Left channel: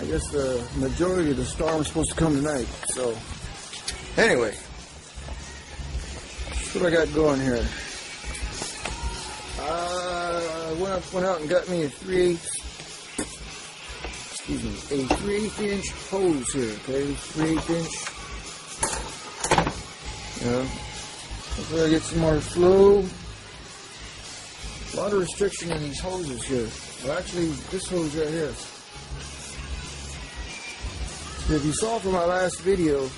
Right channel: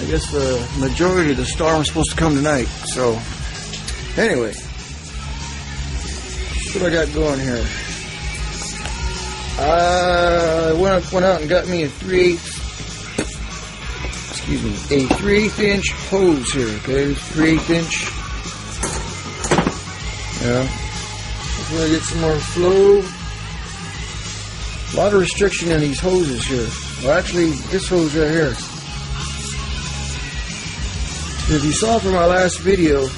I guess the majority of the storm is supposed to come tonight. So, anyway, what I got going here? I went out and got me a 3/8 inch hose here. Okay, 3/8 inch. Yeah, I'm gonna get some more flow. A lot of restriction in these hoses here. Well, actually, this hose right here. If you saw from my last video,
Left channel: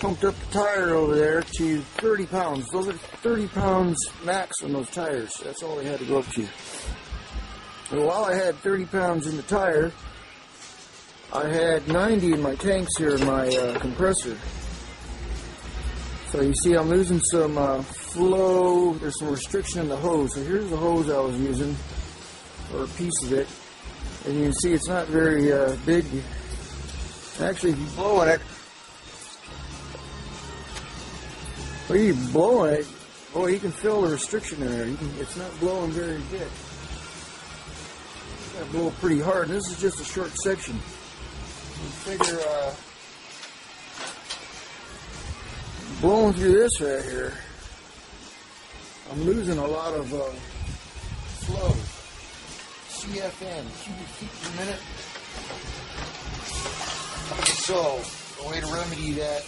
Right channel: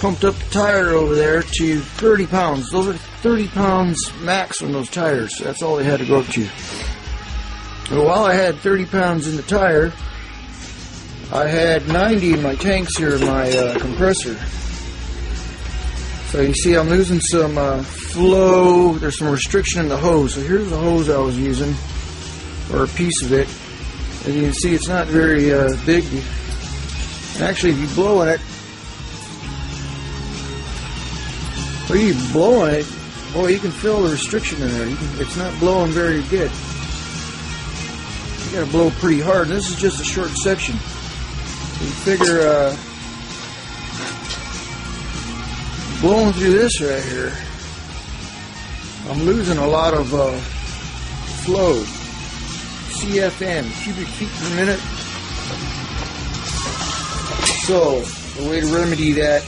pumped up the tire over there to 30 pounds. Those are 30 pounds max on those tires. That's all they had to go up to. And while I had 30 pounds in the tire, I had 90 in my tanks here in my compressor. So you see I'm losing some flow. There's some restriction in the hose. So here's the hose I was using, or a piece of it. As you can see, it's not very big. Actually, if you blow on it, well, you blow on it, oh, you can feel the restriction in there. It's not blowing very good. You gotta blow pretty hard. And this is just a short section. So you figure blowing through this right here, I'm losing a lot of flow. CFM, cubic feet per minute. So the way to remedy that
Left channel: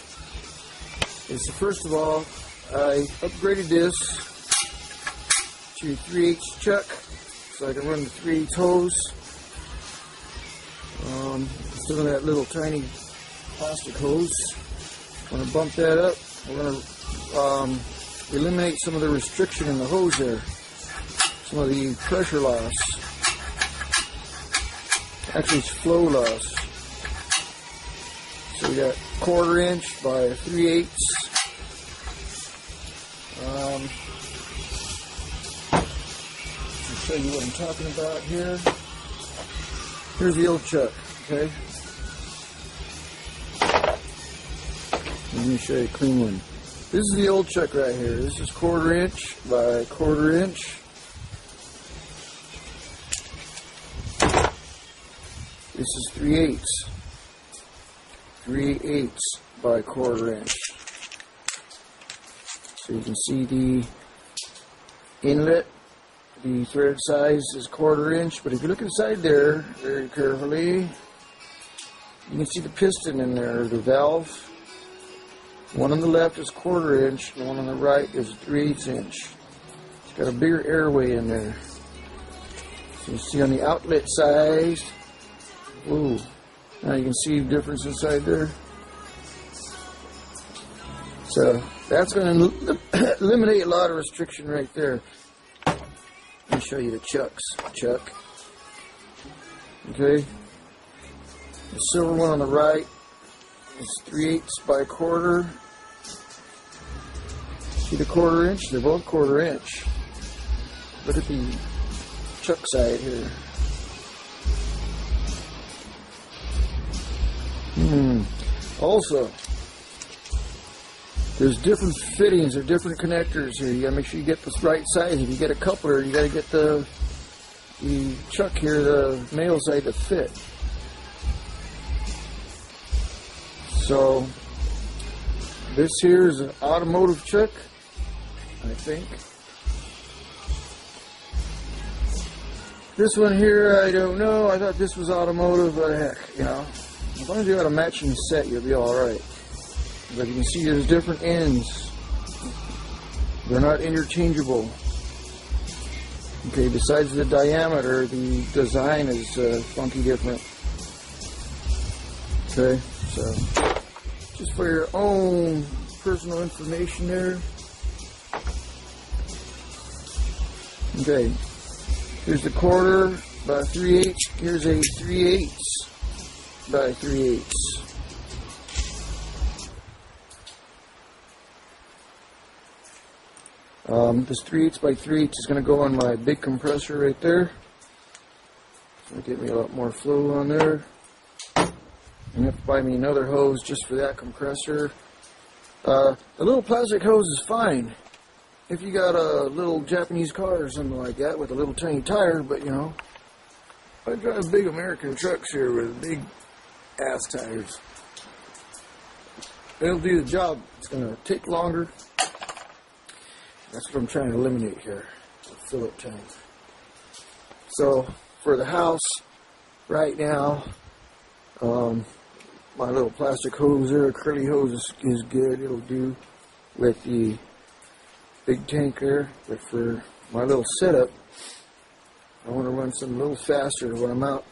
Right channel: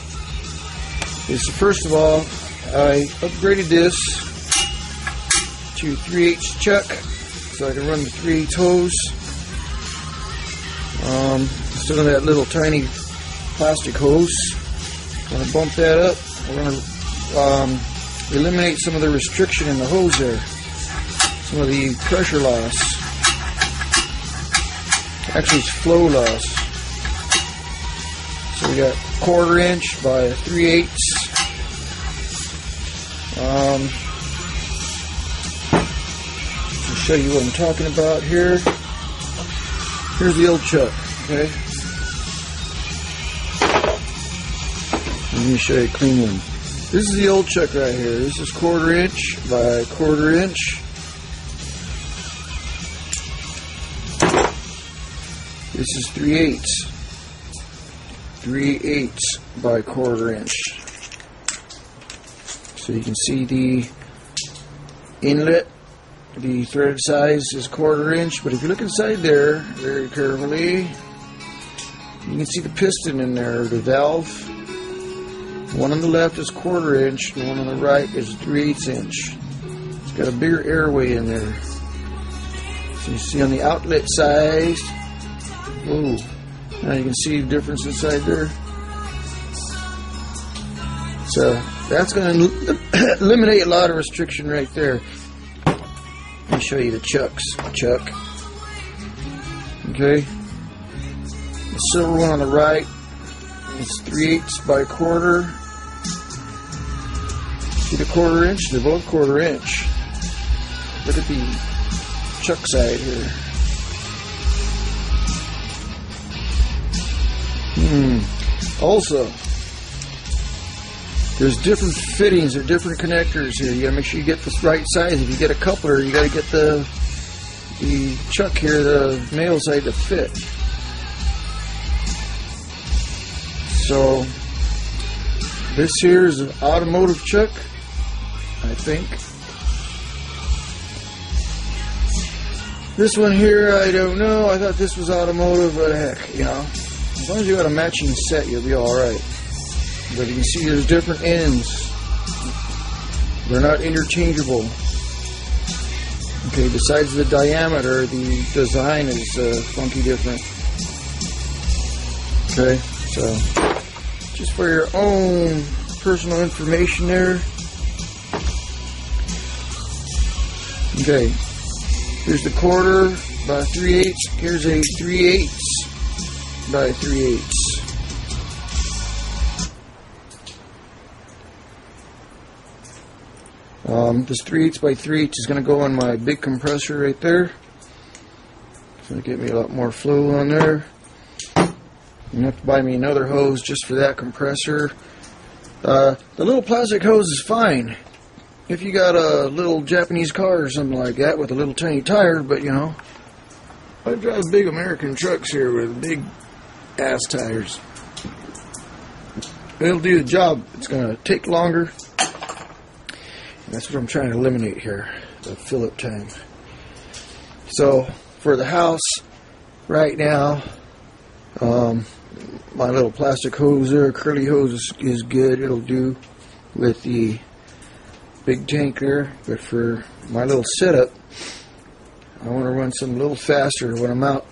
is, first of all, I upgraded this to 3/8 chuck so I can run the 3/8 hose. Instead of that little tiny plastic hose, I'm going to bump that up. I'm going to eliminate some of the restriction in the hose there, some of the pressure loss. Actually, it's flow loss. So we got 1/4 inch by 3/8. To show you what I'm talking about here. Here's the old chuck. Okay. Let me show you a clean one. This is the old chuck right here. This is 1/4 inch by 1/4 inch. This is 3/8. 3/8 by 1/4 inch. So you can see the inlet, the thread size is 1/4 inch, but if you look inside there very carefully, you can see the piston in there, the valve. One on the left is 1/4 inch, the one on the right is 3/8 inch. It's got a bigger airway in there. So you see on the outlet side, whoa, now you can see the difference inside there. So that's going to eliminate a lot of restriction right there. Let me show you the chucks. Chuck. Okay. The silver one on the right is 3/8 by 1/4. See the 1/4 inch? They're both 1/4 inch. Look at the chuck side here. Also, there's different fittings or different connectors here. You gotta make sure you get the right size. If you get a coupler, you gotta get the chuck here, the male side, to fit. So this here is an automotive chuck, I think. This one here, I don't know. I thought this was automotive, but heck, you know, as long as you got a matching set, you'll be all right. But you can see there's different ends. They're not interchangeable. Okay, besides the diameter, the design is funky different. Okay, so just for your own personal information there. Okay, here's the 1/4 by 3/8. Here's a 3/8 by 3/8. This 3/8 by 3/8 is going to go on my big compressor right there. It's going to get me a lot more flow on there. You have to buy me another hose just for that compressor. The little plastic hose is fine if you got a little Japanese car or something like that with a little tiny tire, but you know, I drive big American trucks here with big ass tires. It'll do the job. It's going to take longer. That's what I'm trying to eliminate here, the fill-up time. So, for the house, right now, my little plastic hose there, curly hose is good. It'll do with the big tank there. But for my little setup, I want to run some a little faster when I'm out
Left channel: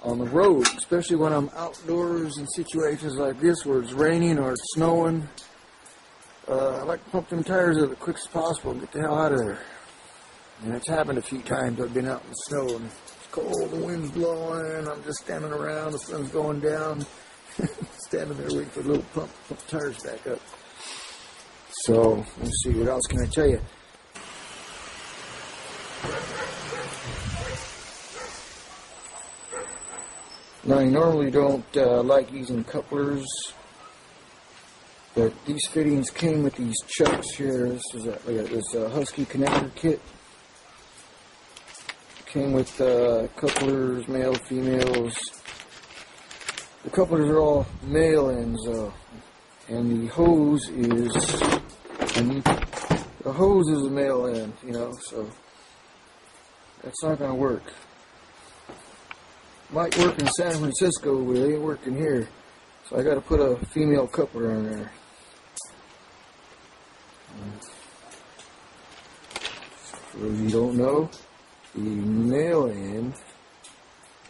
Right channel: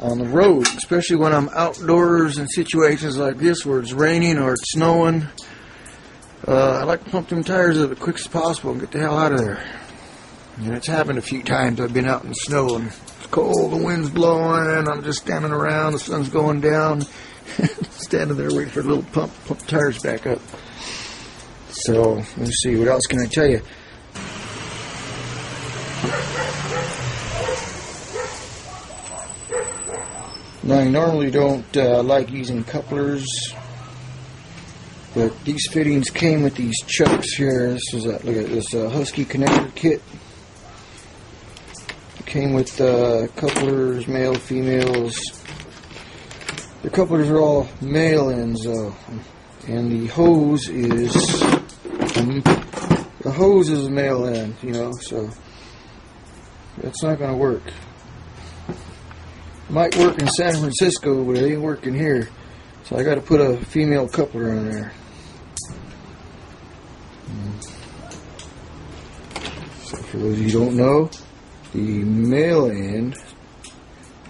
on the road, especially when I'm outdoors in situations like this where it's raining or it's snowing. I like to pump them tires up as quick as possible and get the hell out of there. And it's happened a few times. I've been out in the snow and it's cold, the wind's blowing, and I'm just standing around, the sun's going down, standing there waiting for a little pump the tires back up. So, let's see, what else can I tell you? Now, I normally don't like using couplers, but these fittings came with these chucks here. This is look at this Husky connector kit. It came with couplers, male, females. The couplers are all male ends, and the hose is a male end, you know. So that's not going to work. Might work in San Francisco, but it ain't working here. So I got to put a female coupler on there. So for those of you who don't know, the male end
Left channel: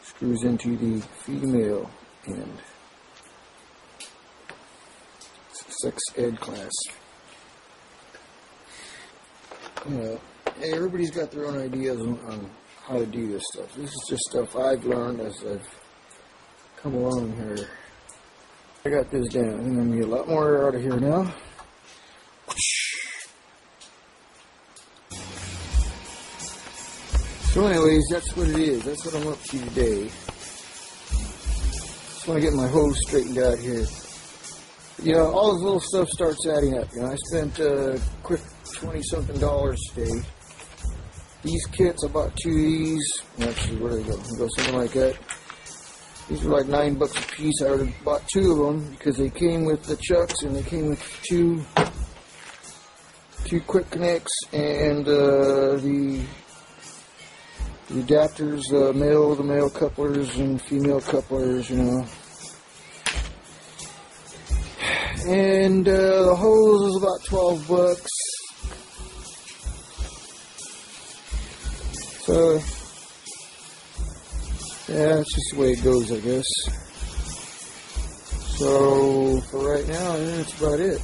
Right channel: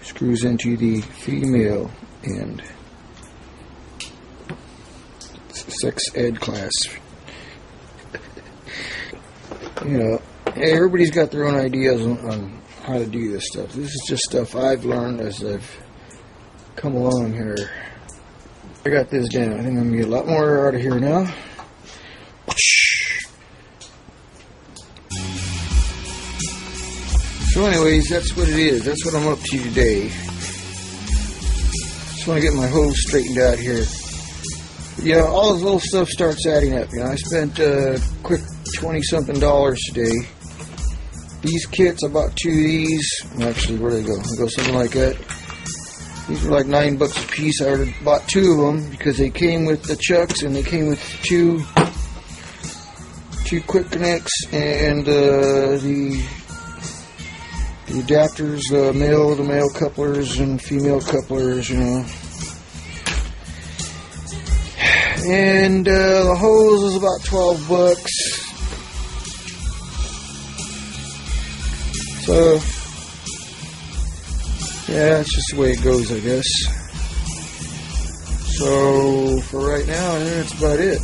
screws into the female end. It's a sex ed class. You know, hey, everybody's got their own ideas on how to do this stuff. This is just stuff I've learned as I've come along here. I got this down. I think I'm going to get a lot more out of here now. So anyways, that's what it is. That's what I'm up to today. Just want to get my hose straightened out here. Yeah, all this little stuff starts adding up. You know, I spent a quick $20-something today. These kits, I bought 2 of these. Actually, where do they go? They go something like that. These were like $9 a piece. I already bought 2 of them because they came with the chucks and they came with two quick connects and the adapters, the male couplers and female couplers, you know. And the hose is about $12. So, yeah, that's just the way it goes, I guess. So, for right now, I think that's about it.